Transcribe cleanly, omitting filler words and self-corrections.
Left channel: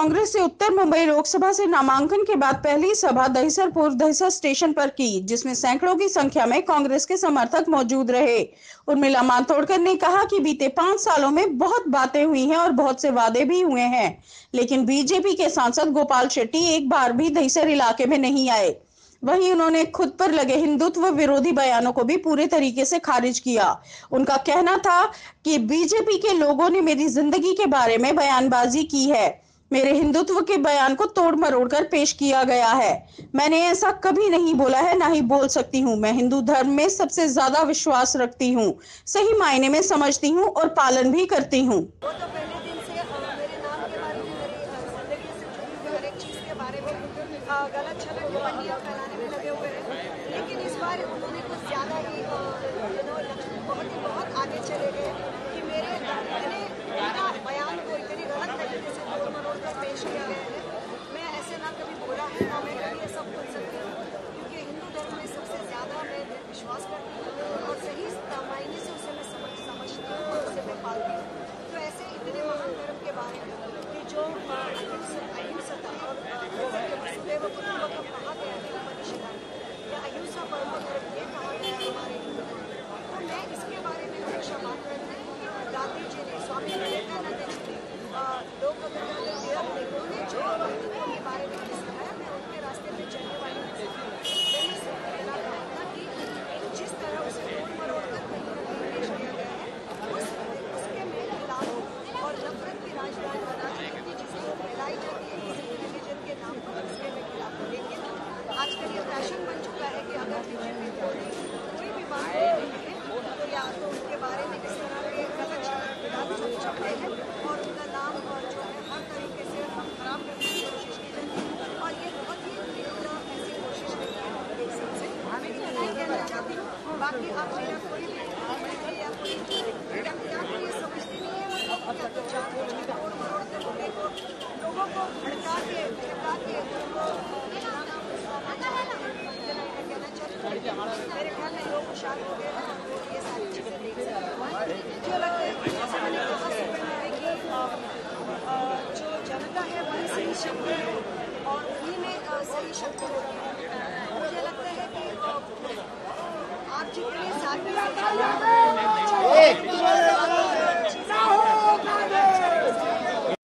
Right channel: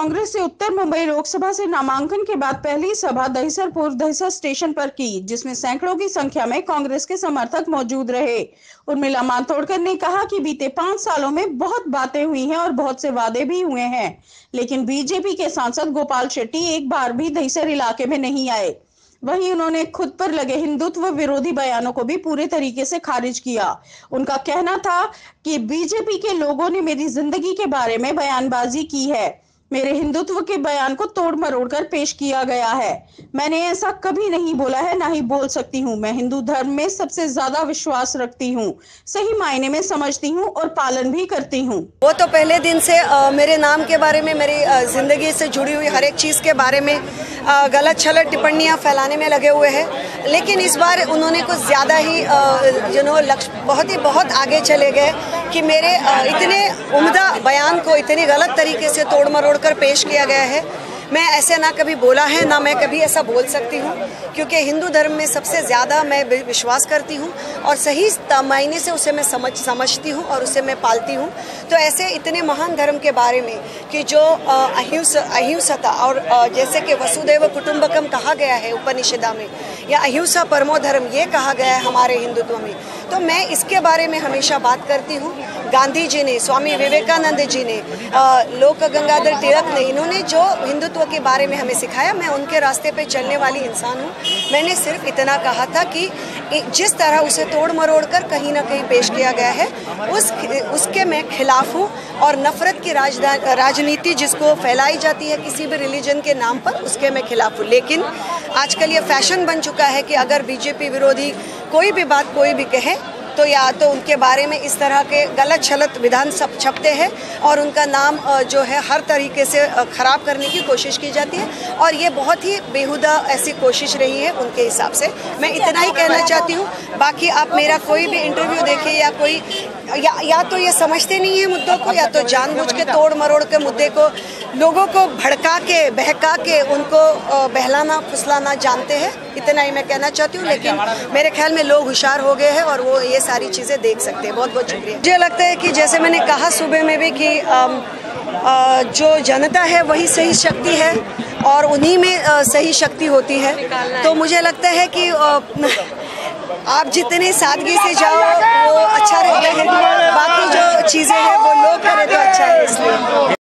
कांग्रेस से उत्तर मुंबई लोकसभा से नामांकन के बाद पहली सभा दहिसर स्टेशन पर की, जिसमें सैकड़ों की संख्या में कांग्रेस के समर्थक मौजूद रहे। उर्मिला मातोंडकर ने कहा कि बीते 5 सालों में बहुत बातें हुई हैं और बहुत से वादे भी हुए हैं, लेकिन बीजेपी के सांसद गोपाल शेट्टी एक बार भी दहिसर इलाके में नहीं आए। वहीं उन्होंने खुद पर लगे हिंदुत्व विरोधी बयानों को भी पूरे तरीके से खारिज किया। उनका कहना था कि बीजेपी के लोगों ने मेरी जिंदगी के बारे में बयानबाजी की है, मेरे हिंदुत्व के बयान को तोड़ मरोड़ कर पेश किया गया है। मैंने ऐसा कभी नहीं बोला है, ना ही बोल सकती हूँ। मैं हिंदू धर्म में सबसे ज्यादा विश्वास रखती हूँ, सही मायने में समझती हूँ और पालन भी करती हूँ। वो तो पहले दिन से मेरे नाम के बारे में, मेरी जिंदगी से जुड़ी हुई हर एक चीज़ के बारे में गलत छलत टिप्पणियाँ फैलाने में लगे हुए हैं। लेकिन इस बार उन्होंने कुछ ज़्यादा ही लक्ष्य बहुत आगे चले गए कि मेरे इतने उम्दा बयान को इतनी गलत तरीके से तोड़ मरोड़ कर पेश किया गया है। मैं ऐसे ना कभी बोला है, ना मैं कभी ऐसा बोल सकती हूँ, क्योंकि हिंदू धर्म में सबसे ज़्यादा मैं विश्वास करती हूँ और सही मायने से उसे मैं समझती हूँ और उसे मैं पालती हूँ। तो ऐसे इतने महान धर्म के बारे में कि जो अहिंसता और जैसे कि वसुदैव कुटुंबकम कहा गया है उपनिषदा में, या अहिंसा परमो धर्म ये कहा गया है हमारे हिंदुत्व में, तो मैं इसके बारे में हमेशा बात करती हूँ। गांधी जी ने, स्वामी विवेकानंद जी ने, लोक गंगाधर तिलक ने, इन्होंने जो हिंदुत्व के बारे में हमें सिखाया, मैं उनके रास्ते पे चलने वाली इंसान हूँ। मैंने सिर्फ इतना कहा था कि जिस तरह उसे तोड़ मरोड़ कर कहीं ना कहीं पेश किया गया है उसके मैं खिलाफ हूँ, और नफरत की राजनीति जिसको फैलाई जाती है किसी भी रिलीजन के नाम पर, उसके मैं खिलाफ हूँ। लेकिन आजकल ये फैशन बन चुका है कि अगर बीजेपी विरोधी कोई भी बात कोई भी कहे तो या तो उनके बारे में इस तरह के गलत छलत विधान सब छपते हैं और उनका नाम जो है हर तरीके से ख़राब करने की कोशिश की जाती है, और ये बहुत ही बेहुदा ऐसी कोशिश रही है उनके हिसाब से। मैं इतना ही कहना चाहती हूँ। बाकी आप मेरा कोई भी इंटरव्यू देखें या कोई या तो ये समझते नहीं है मुद्दों को, या तो जानबूझ के तोड़ मरोड़ के मुद्दे को लोगों को भड़का के बहका के उनको बहलाना फुसलाना जानते हैं। इतना ही मैं कहना चाहती हूँ। लेकिन मेरे ख्याल में लोग होशियार हो गए हैं और वो ये सारी चीज़ें देख सकते हैं। बहुत बहुत शुक्रिया। मुझे लगता है कि जैसे मैंने कहा सुबह में भी कि जो जनता है वही सही शक्ति है और उन्हीं में सही शक्ति होती है। तो मुझे लगता है कि आप जितने सादगी से जाओ वो अच्छा रहता है, बाकी जो चीज़ें हैं वो लोग करें तो अच्छा है। इसलिए